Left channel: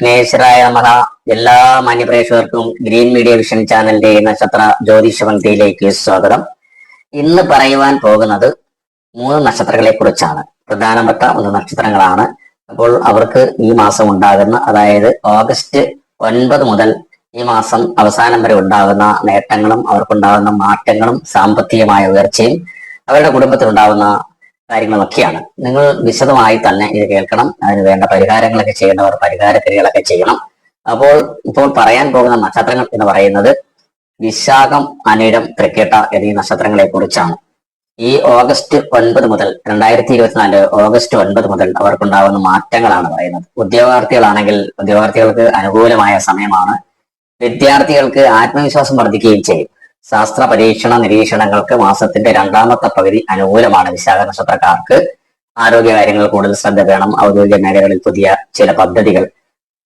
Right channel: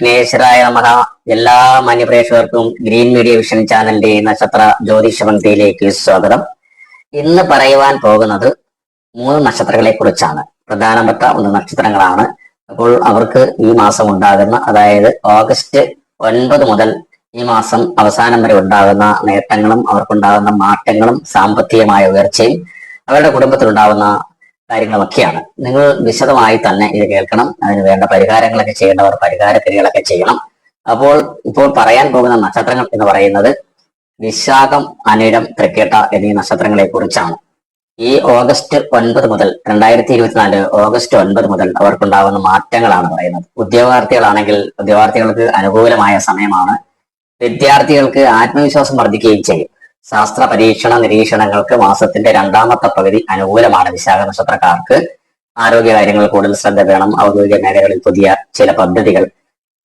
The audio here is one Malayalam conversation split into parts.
വിഘ്നേശ്വരായ നമഹ എല്ലാ മാന്യപ്രേക്ഷകർക്കും ഗ്രീൻ മീഡിയ വിഷൻ ചാനലിന്റെ നക്ഷത്ര ജ്യോതിഷ പങ്ക്തിയിലേക്ക് സ്വാഗതം. ഇന്ന് പറയുവാൻ പോകുന്നത് മൂന്ന് നക്ഷത്രങ്ങളെ കുറിച്ചാണ്. പ്രധാനപ്പെട്ട മൂന്ന് നക്ഷത്രങ്ങളാണ്. അപ്പോൾ അവർക്ക് ഈ മാസം ഉണ്ടാകുന്ന അതായത് ഓഗസ്റ്റ് ഒൻപത് മുതൽ ഈ മാസം അവസാനം വരെ ഉണ്ടാകുന്ന നേട്ടങ്ങളും അവർക്കുണ്ടാകുന്ന മാറ്റങ്ങളും സാമ്പത്തികമായ ഉയർച്ചയും അവരുടെ കുടുംബത്തിലുണ്ടാകുന്ന കാര്യങ്ങളൊക്കെയാണ്. നിങ്ങൾ വിശദമായി തന്നെ ഇത് കേൾക്കണം. അതിന് വേണ്ട പരിഹാരങ്ങളൊക്കെ ചെയ്യേണ്ടവർ പരിഹാരക്രിയകളൊക്കെ ചെയ്യണം. അപ്പോൾ ഇപ്പോൾ പറയാൻ പോകുന്ന നക്ഷത്രങ്ങൾ എന്ന് പറയുന്നത് വിശാഖം അനിഴം തൃക്കേട്ട എന്നീ നക്ഷത്രങ്ങളെ കുറിച്ചാണ് ഈ ഓഗസ്റ്റ് ഒൻപത് മുതൽ രണ്ടായിരത്തി ഇരുപത്തിനാല് ഓഗസ്റ്റ് ഒൻപത് മുതൽ അവർക്കുണ്ടാകുന്ന മാറ്റങ്ങളാണ് പറയുന്നത്. ഉദ്യോഗാർത്ഥികളാണെങ്കിൽ ഉദ്യോഗാർത്ഥികൾക്ക് അനുകൂലമായ സമയമാണ്. വിദ്യാർത്ഥികൾക്ക് ആത്മവിശ്വാസം വർദ്ധിക്കുകയും ചെയ്യും. ശാസ്ത്ര പരീക്ഷണ നിരീക്ഷണങ്ങൾക്ക് മാസത്തിന്റെ രണ്ടാമത്തെ പകുതി അനുകൂലമാണ് വിശാഖ നക്ഷത്രക്കാർക്ക്. ആരോഗ്യ കാര്യങ്ങൾ കൂടുതൽ ശ്രദ്ധ വേണം. ഔദ്യോഗിക മേഖലകളിൽ പുതിയ ചില പദ്ധതികൾ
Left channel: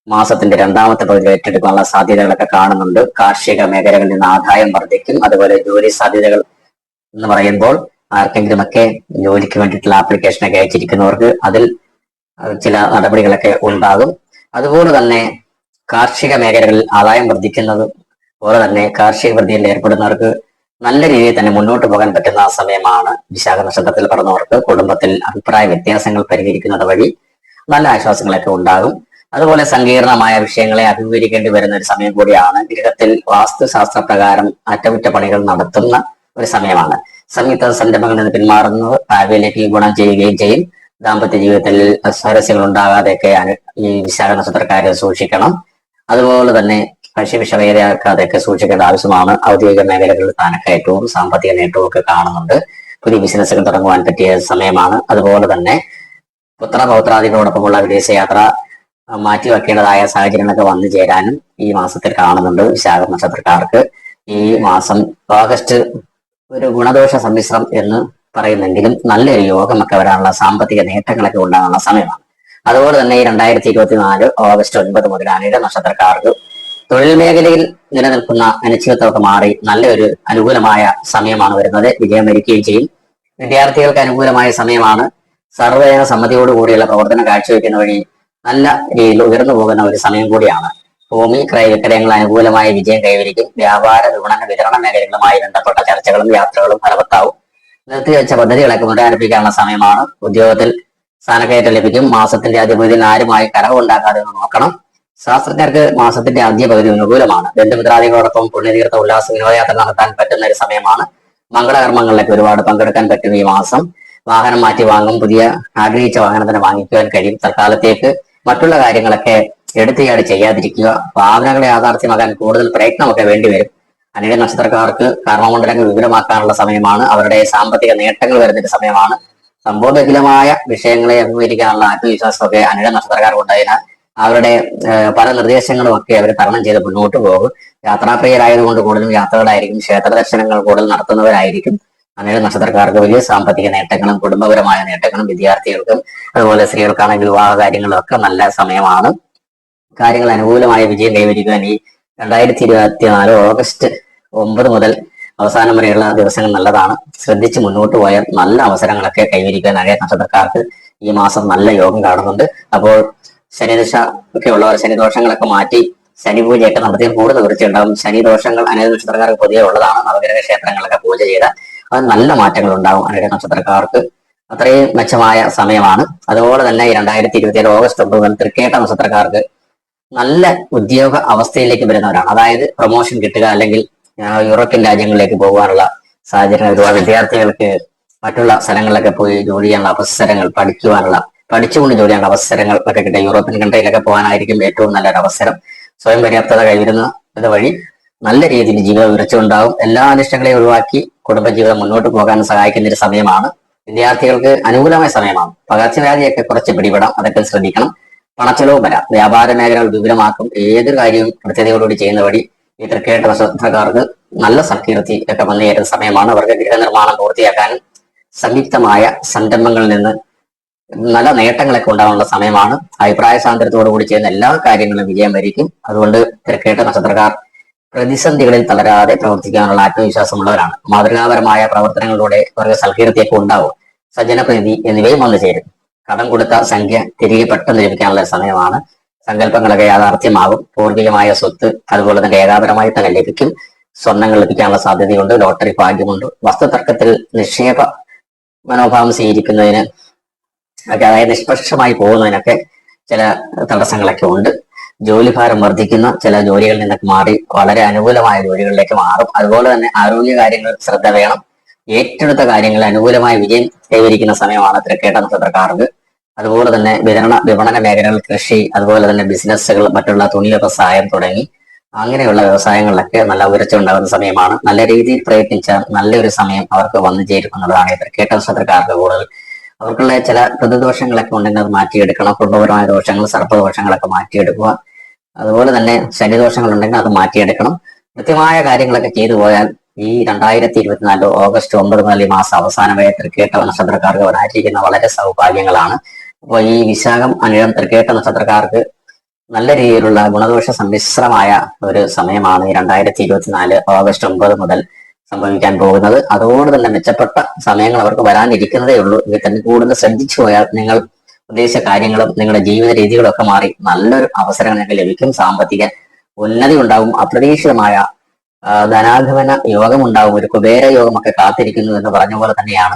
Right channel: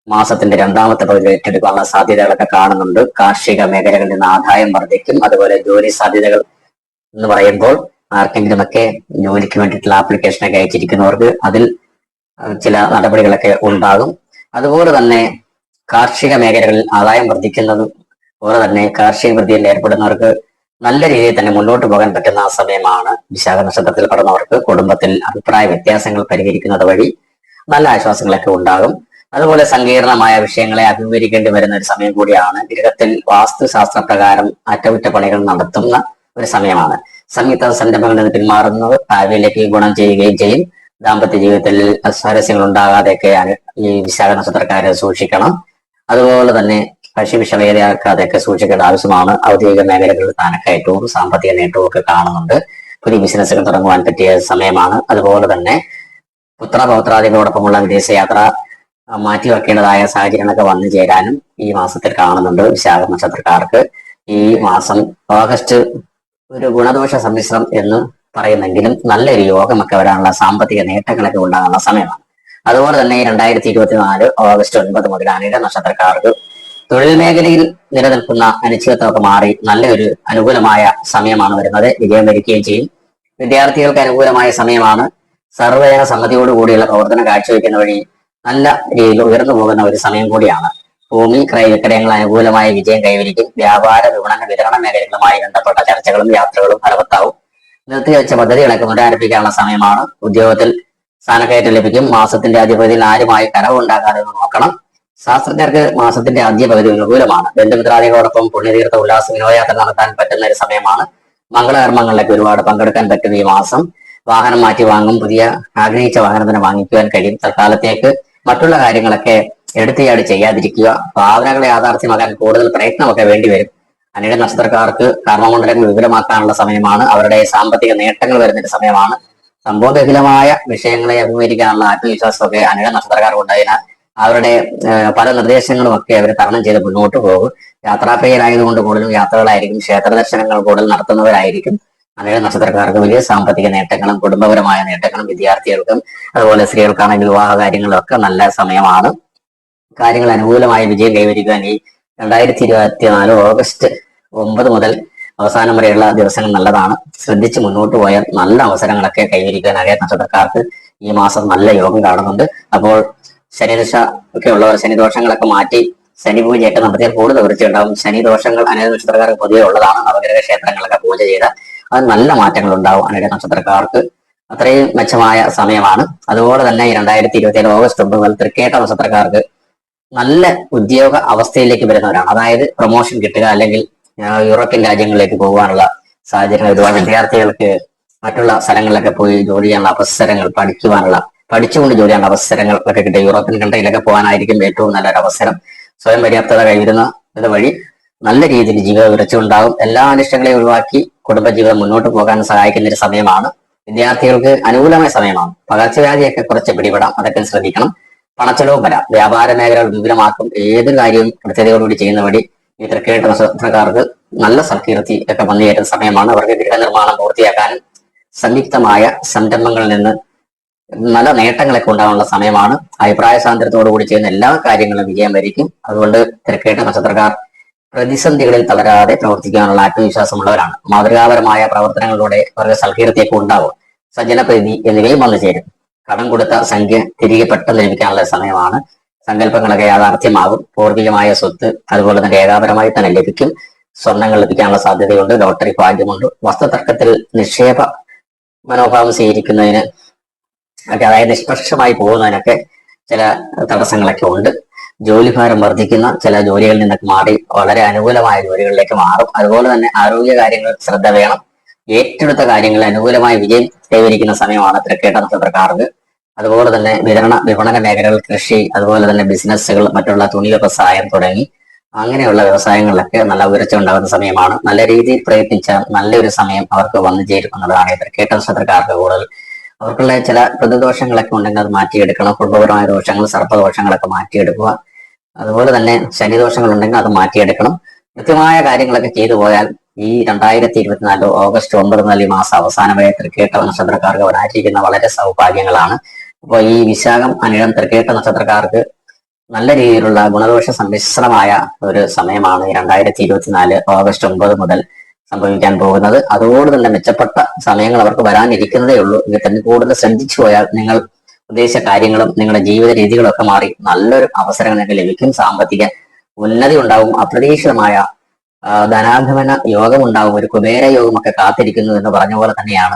മാസത്തിന്റെ രണ്ടാമത്തെ പകുതി ഏറ്റെടുക്കാനുള്ള സാധ്യതകളൊക്കെ കാണുന്നുണ്ട്. കാർഷിക മേഖലകളിൽ നിന്ന് ആദായം വർദ്ധിക്കും. അതുപോലെ ജോലി സാധ്യതകൾ എന്ന് പറയുമ്പോൾ ആർക്കെങ്കിലുമൊക്കെ ജോലിക്ക് വേണ്ടിയിട്ടുള്ള ആപ്ലിക്കേഷനൊക്കെ അയച്ചിരിക്കുന്നവർക്ക് അതിൽ ചില നടപടികളൊക്കെ ഉണ്ടാകും. അതുപോലെ തന്നെ കാർഷിക മേഖലകളിൽ ആദായം വർദ്ധിക്കുന്നതും അതുപോലെ തന്നെ കാർഷിക വൃത്തിയിൽ ഏർപ്പെടുന്നവർക്ക് നല്ല രീതിയിൽ തന്നെ മുന്നോട്ട് പോകാൻ പറ്റുന്ന സമയമാണ് വിശാഖ നക്ഷത്രത്തിൽ പറഞ്ഞവർക്ക് കുടുംബത്തിൽ അഭിപ്രായ വ്യത്യാസങ്ങൾ പരിഹരിക്കുന്നത് വഴി നല്ല ആശ്വാസങ്ങളൊക്കെ ഉണ്ടാകും. അതുപോലെ സങ്കീർണമായ വിഷയങ്ങളെ അഭിമുഖീകരിക്കേണ്ടി വരുന്ന ഒരു സമയം കൂടിയാണ് ഗൃഹത്തിൽ വാസ്തുശാസ്ത്ര പ്രകാരം അറ്റകുറ്റപ്പണികൾ നടത്തുന്ന ഒരു സമയമാണ്. സംയുക്ത സംരംഭങ്ങളിൽ നിന്ന് പിന്മാറുന്നത് ഭാവിയിലേക്ക് ഗുണം ചെയ്യുകയും ചെയ്യും. ദാമ്പത്യ ജീവിതത്തിൽ സ്വാരസ്യങ്ങൾ ഉണ്ടാകാതെയൊക്കെ ഈ വിശാഖ നക്ഷത്രക്കാരെ സൂക്ഷിക്കണം. അതുപോലെ തന്നെ കക്ഷിവിഷവേദയാക്കാതെയൊക്കെ സൂക്ഷിക്കേണ്ട ആവശ്യമാണ്. ഔദ്യോഗിക മേഖലകളിൽ സ്ഥാനക്കയറ്റവും സാമ്പത്തിക നേട്ടവും ഒക്കെ കാണുന്നുണ്ട്. പുതിയ ബിസിനസ്സുകൾ തുടങ്ങുവാൻ പറ്റിയ സമയമാണ്. അതുപോലെ തന്നെ പുത്ര പൗത്രാദികളോടൊപ്പമുള്ള വിദേശയാത്ര മാറ്റിവെക്കേണ്ടതായ സാഹചര്യങ്ങളൊക്കെ വന്നു ചേരാനും ഈ മാസത്തിൽ കാണുന്നുണ്ട് വിശാഖ നക്ഷത്രക്കാർക്ക്. ഈ മാസം ഓഗസ്റ്റ് ഒരു ഗുണദോഷ സമ്മിശ്രം എന്ന് പറയുന്നെങ്കിലും നല്ലൊരു യോഗമൊക്കെ വരാനുള്ള സാമ്പത്തിക നേട്ടങ്ങളൊക്കെ ഉണ്ടാകാനുള്ള സമയമാണ്. അതുപോലെ തന്നെ ഈ രണ്ടായിരത്തി ഇരുപത്തിനാല് ഓഗസ്റ്റ് ഒൻപത് മുതൽ അനിഴ നക്ഷത്രക്കാർക്ക് തൊഴിൽ മേഖലയിൽ നിലനിൽക്കുന്ന അനിശ്ചിതത്വമൊക്കെ മാറി നല്ലൊരു അനുകൂലമായ സമയമാണ് വരുന്നത്. വിജയം വരിക്കുകയും ചെയ്യും. വിദ്യാർത്ഥികൾക്ക് അനുകൂലമായ സമയമാണ്. സർവജന സമ്മതിയോട് കൂടിയുള്ള പ്രവർത്തനം കാഴ്ചവെക്കുന്ന വഴി നല്ല രീതിയിൽ ഉയർന്നു പോകുന്ന ഒരു സമയം കൂടിയാണ്. ഭൂമി ക്രയ വിക്രയങ്ങൾ അനുകൂലമായ വിജയം കൈവരിക്കും. വ്യാപാര വിപണന വിതരണ മേഖലകളുമായി ബന്ധപ്പെട്ട ചർച്ചകളും യാത്രകളും ഫലവത്താവും. നിർത്തിവെച്ച പദ്ധതികളൊക്കെ പുനരാരംഭിക്കാനുള്ള സമയമാണ്. ഉദ്യോഗത്തിൽ സ്ഥാനക്കയറ്റം ലഭിക്കും. മാസത്തിന്റെ ആദ്യ പകുതിയിൽ ആരുമായി കനവുണ്ടാക്കാതെ ഒന്ന് നോക്കണം. ശാസ്ത്രജ്ഞർക്ക് മാസത്തിന്റെ ആദ്യ പകുതി അനുകൂലമാണ്. ബന്ധുമിത്രാദികളോടൊപ്പം പുണ്യതീർത്ഥ ഉല്ലാസ വിനോദയാത്ര നടത്താൻ പറ്റുന്ന ഒരു സമയമാണ്. മംഗളകർമ്മങ്ങളിലേക്ക് ഒരുപാട് പങ്കെടുക്കാൻ പറ്റും ഈ മാസം. വാഹനം മാറ്റി വാങ്ങും പുതിയ ആഗ്രഹിച്ച വാഹനം തന്നെ വാങ്ങിക്കുവാൻ കഴിയും. തൽക്കാലത്തേക്ക് മറ്റുള്ള കാര്യങ്ങളൊക്കെ എടുത്തിയാട് ചെയ്യാതിരിക്കുക. ഭാവനകളെ യാഥാർത്ഥ്യമാക്കാൻ കൂടുതൽ പ്രയത്നമൊക്കെ വേണ്ടിവരും അനേക നക്ഷത്രക്കാർക്ക് കർമ്മമണ്ഡലങ്ങൾ വിവരമാക്കാനുള്ള സമയമാണ്. അവരുടെ സാമ്പത്തിക നേട്ടങ്ങൾ വരുന്നൊരു സമയമാണ്. സംഭവബഹുലമായ വിഷയങ്ങളെ അഭിമുഖീകരിക്കാനുള്ള ആത്മവിശ്വാസമൊക്കെ അനേക നക്ഷത്രക്കാർക്ക് ഉണ്ടായതിനാൽ അവരുടെ പല നിർദ്ദേശങ്ങളും ഒക്കെ അവർ തരണം ചെയ്ത് മുന്നോട്ട് പോകും. യാത്രാപ്രിയരായതുകൊണ്ട് കൂടുതലും യാത്രകളായിരിക്കും ക്ഷേത്ര ദർശനങ്ങൾ കൂടുതൽ നടത്തുന്നവരായിരിക്കും. അനേക നക്ഷത്രക്കാർക്ക് വലിയ സാമ്പത്തിക നേട്ടങ്ങളും കുടുംബപരമായ നേട്ടങ്ങളും വിദ്യാർത്ഥികൾക്കും അതുപോലെ സ്ത്രീകൾക്കാണെങ്കിൽ വിവാഹ കാര്യങ്ങളും ഒക്കെ നല്ല സമയമാണ്. കാര്യങ്ങൾ അനുകൂലമായ വിജയം കൈവരിക്കാൻ ഈ രണ്ടായിരത്തി ഇരുപത്തിനാല് ഓഗസ്റ്റ് ഒമ്പത് മുതൽ അവസാനം വരെയുള്ള ദിവസങ്ങൾ നല്ലതാണ്. ശ്രദ്ധിച്ച് മുന്നോട്ട് പോയാൽ നല്ല അവസരങ്ങളൊക്കെ കൈവരിക്കാൻ അനേക നക്ഷത്രക്കാർക്ക് ഈ മാസം നല്ല യോഗം കാണുന്നുണ്ട്. അപ്പോൾ ശനിദശ ഒക്കെ ഉള്ളവർ ശനിദോഷങ്ങളൊക്കെ മാറ്റി ശനി പൂജയൊക്കെ നടത്തിയാൽ കൂടുതൽ വൃത്തിയുണ്ടാകും ശനി ദോഷങ്ങൾ അനേക നക്ഷത്രക്കാർക്ക് പൊതുവെ ഉള്ളതാണ്. നവഗ്രഹ ക്ഷേത്രങ്ങളൊക്കെ പൂജ ചെയ്ത് അത് നല്ല മാറ്റങ്ങൾ ഉണ്ടാവും അനേക നക്ഷത്രക്കാർക്ക്. അത്രയും മെച്ചമായ സമയമാണ്. അതുപോലെ തന്നെ രണ്ടായിരത്തി ഇരുപത്തി ഓഗസ്റ്റ് ഒമ്പത് മുതൽ തൃക്കേട്ട നക്ഷത്രക്കാർക്ക് നല്ല ഉദ്യോഗ അവസ്ഥയിലേക്ക് വരുന്നവരാണ്. അതായത് പ്രൊമോഷൻ കിട്ടുക അല്ലെങ്കിൽ യൂറോപ്യൻ രാജ്യങ്ങളിലേക്ക് പോകാനുള്ള സാഹചര്യം ഒരുപാട് വിദ്യാർത്ഥികൾക്ക് മറ്റുള്ള സ്ഥലങ്ങളിലൊക്കെ പോയി ജോലി ചെയ്യാനുള്ള അവസരങ്ങൾ പഠിക്കുവാനുള്ള പഠിച്ചുകൊണ്ട് ജോലി ചെയ്യേണ്ട അവസരങ്ങൾ ഒക്കെ കിട്ടുക യൂറോപ്യൻ കൺട്രിയിലൊക്കെ പോകാനായിരിക്കും ഏറ്റവും നല്ലൊരു അവസരം. സ്വയം പര്യാപ്തത കൈവരുന്ന വഴി നല്ല രീതിയിൽ ജീവിത ഉയർച്ചയുണ്ടാകും എല്ലാ അനിഷ്ടങ്ങളെയും ഒഴിവാക്കി കുടുംബജീവിതം മുന്നോട്ട് പോകാൻ സഹായിക്കുന്ന ഒരു സമയമാണ്. വിദ്യാർത്ഥികൾക്ക് അനുകൂലമായ സമയമാണ്. പകർച്ചവ്യാധിയൊക്കെ കുറച്ച് പിടിപെടാം. അതൊക്കെ ശ്രദ്ധിക്കണം. പണച്ചെലവും വരാം. വ്യാപാര മേഖലകൾ വിപുലമാക്കും. ഏതൊരു കാര്യവും കൃത്യതയോടുകൂടി ചെയ്യുന്ന വഴി ഈ തൃക്കേട്ട നക്ഷത്രക്കാർക്ക് നല്ല സൽകീർത്തി ഒക്കെ വന്നു സമയമാണ്. അവർക്ക് ഗൃഹനിർമ്മാണം പൂർത്തിയാക്കാനും സംയുക്തമായ സംരംഭങ്ങളിൽ നിന്ന് നല്ല നേട്ടങ്ങളൊക്കെ ഉണ്ടാകാനുള്ള സമയമാണ്. അഭിപ്രായ സ്വാതന്ത്ര്യത്തോടു കൂടി ചെയ്യുന്ന എല്ലാ കാര്യങ്ങളും വിജയം വരിക്കും. അതുകൊണ്ട് തിരക്കേട്ട നക്ഷത്രക്കാർ പ്രതിസന്ധികളിൽ തളരാതെ പ്രവർത്തിക്കാനുള്ള ആത്മവിശ്വാസമുള്ളവരാണ്. മാതൃകാപരമായ പ്രവർത്തനങ്ങളിലൂടെ അവർക്ക് സൽകീർത്തിയൊക്കെ ഉണ്ടാവും. സജ്ജനപ്രീതി എന്നിവയും വന്നു ചേരും. കടം കൊടുത്ത സംഖ്യ തിരികെ പെട്ടെന്ന് ലഭിക്കാനുള്ള സമയമാണ്. സങ്കല്പങ്ങളൊക്കെ യാഥാർത്ഥ്യമാകും. പൂർവികമായ സ്വത്ത് അതുപോലെ തന്നെ ഏകാപരമായി തന്നെ ലഭിക്കും. സ്വർണങ്ങൾ ലഭിക്കാനുള്ള സാധ്യതയുണ്ട്. ലോട്ടറി ഭാഗ്യമുണ്ട്. വസ്തുതർക്കത്തിൽ നിക്ഷേപ മനോഭാവം സ്വീകരിക്കുന്നതിന് ഒക്കെ അതായത് നിഷ്പക്ഷമായി പോകുന്നതിനൊക്കെ ചില തടസ്സങ്ങളൊക്കെ ഉണ്ട്. ജോലിഭാരം വർദ്ധിക്കുന്ന ചില ജോലികളിൽ നിന്നൊക്കെ മാറി വളരെ അനുകൂലമായ ജോലികളിലേക്ക് മാറും. അതുപോലെ തന്നെ ആരോഗ്യ കാര്യങ്ങൾ ശ്രദ്ധ വേണം. ഏറ്റെടുത്ത കാര്യങ്ങൾ അനുകൂലമായ വിജയം കൈവരിക്കുന്ന സമയമാണ് തിരക്കേട്ട നക്ഷത്രക്കാർക്ക്. അതുപോലെ തന്നെ വിതരണ വിപണന മേഖലകൾ കൃഷി അതുപോലെ തന്നെ ബിസിനസ്സുകൾ മറ്റുള്ള തുണി വ്യവസായം തുടങ്ങി അങ്ങനെയുള്ള വ്യവസായങ്ങളിലൊക്കെ നല്ല ഉയർച്ച ഉണ്ടാകുന്ന സമയമാണ്. നല്ല രീതിയിൽ പ്രയത്നിച്ച നല്ലൊരു സമയം അവർക്ക് വന്നു ചേരും എന്നുള്ളതാണ് തിരക്കേട്ട നക്ഷത്രക്കാർക്ക് കൂടുതൽ അവർക്കുള്ള ചില പ്രതിദോഷങ്ങളൊക്കെ ഉണ്ടെങ്കിൽ അത് മാറ്റിയെടുക്കണം. കുടുംബപരമായ ദോഷങ്ങൾ സർപ്പദോഷങ്ങളൊക്കെ മാറ്റിയെടുക്കുക. അതുപോലെ തന്നെ ശനിദോഷങ്ങൾ ഉണ്ടെങ്കിൽ അത് മാറ്റിയെടുക്കണം. കൃത്യമായ കാര്യങ്ങളൊക്കെ ചെയ്തു പോയാൽ ഈ രണ്ടായിരത്തി ഇരുപത്തിനാല് ഓഗസ്റ്റ് ഒമ്പത് മുതൽ ഈ മാസം അവസാനം വരെ തൃക്കേട്ട നക്ഷത്രക്കാർക്ക് വരാനിരിക്കുന്ന വളരെ സൗഭാഗ്യങ്ങളാണ്. അപ്പോൾ ഈ വിശാഖം അനിഴം തൃക്കേട്ട നക്ഷത്രക്കാർക്ക് നല്ല രീതിയിലുള്ള ഗുണദോഷ സമ്മിശ്രമായ ഒരു സമയമാണ് രണ്ടായിരത്തി ഇരുപത്തിനാല് ഓഗസ്റ്റ് ഒമ്പത് മുതൽ സംഭവിക്കാൻ പോകുന്നത്. അതുകൊണ്ട് തന്നെ മെച്ചപ്പെട്ട സമയങ്ങൾ അവർക്ക് വരാനിരിക്കുന്നതേ ഉള്ളൂ. എങ്കിൽ തന്നെ കൂടുതൽ ശ്രദ്ധിച്ചു പോയാൽ നിങ്ങൾ ഉദ്ദേശിച്ച കാര്യങ്ങളും നിങ്ങളുടെ ജീവിത രീതികളും ഒക്കെ മാറി നല്ലൊരു അവസരം നിങ്ങൾക്ക് ലഭിക്കും. സാമ്പത്തിക ഉന്നതി ഉണ്ടാവും അപ്രതീക്ഷിതമായ ധനാഗമന യോഗം ഉണ്ടാവും ഒരു കുബേര യോഗമൊക്കെ കാത്തിരിക്കുന്നു എന്ന് പറഞ്ഞ പോലെ തന്നെയാണ്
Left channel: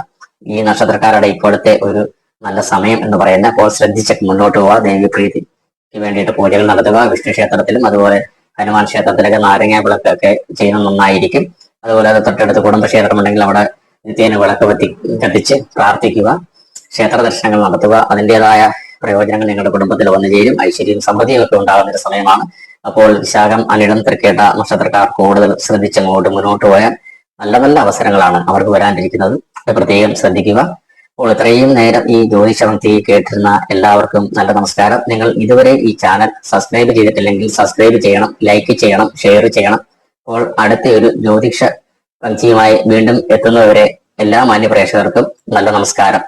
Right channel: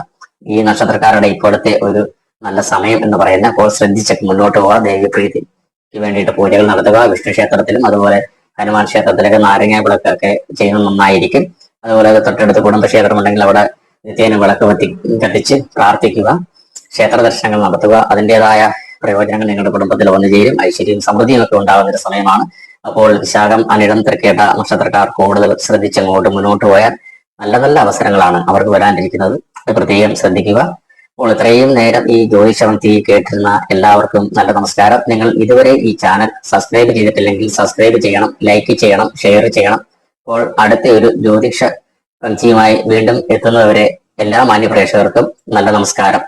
ഈ നക്ഷത്രക്കാരുടെ ഇപ്പോഴത്തെ ഒരു നല്ല സമയം എന്ന് പറയുന്ന അപ്പോൾ ശ്രദ്ധിച്ചൊക്കെ മുന്നോട്ട് പോവുക ദേവിപ്രീതിക്ക് വേണ്ടിയിട്ട് പൂജകൾ നടത്തുക. വിഷ്ണു ക്ഷേത്രത്തിലും അതുപോലെ ഹനുമാൻ ക്ഷേത്രത്തിലൊക്കെ നാരങ്ങ വിളക്കൊക്കെ ചെയ്യുന്നത് നന്നായിരിക്കും. അതുപോലെ തൊട്ടടുത്ത് കുടുംബക്ഷേത്രം ഉണ്ടെങ്കിൽ അവിടെ നിത്യേന വിളക്ക് പറ്റി കത്തിച്ച് പ്രാർത്ഥിക്കുക ക്ഷേത്ര ദർശനങ്ങൾ നടത്തുക അതിന്റെതായ പ്രയോജനങ്ങൾ നിങ്ങളുടെ കുടുംബത്തിൽ വന്നു ചേരും. ഐശ്വര്യവും സമൃദ്ധിയും ഒക്കെ ഉണ്ടാകുന്ന ഒരു സമയമാണ്. അപ്പോൾ വിശാഖം അനിടം തിരക്കേട്ട നക്ഷത്രക്കാർ കൂടുതൽ ശ്രദ്ധിച്ച് അങ്ങോട്ട് മുന്നോട്ട് പോയാൽ നല്ല നല്ല അവസരങ്ങളാണ് അവർക്ക് വരാനിരിക്കുന്നത്. പ്രത്യേകം ശ്രദ്ധിക്കുക. അപ്പോൾ ഇത്രയും നേരം ഈ ജ്യോതിഷമത്തി കേട്ടിരുന്ന എല്ലാവർക്കും നല്ല നമസ്കാരം. നിങ്ങൾ ഇതുവരെ ഈ ചാനൽ സബ്സ്ക്രൈബ് ചെയ്തിട്ടില്ലെങ്കിൽ സബ്സ്ക്രൈബ് ചെയ്യണം ലൈക്ക് ചെയ്യണം ഷെയർ ചെയ്യണം. അപ്പോൾ അടുത്ത ഒരു ജ്യോതിഷ പങ്ക്തിയുമായി വീണ്ടും എത്തുന്നവരെ എല്ലാ മാന്യ പ്രേക്ഷകർക്കും നല്ല നമസ്കാരം.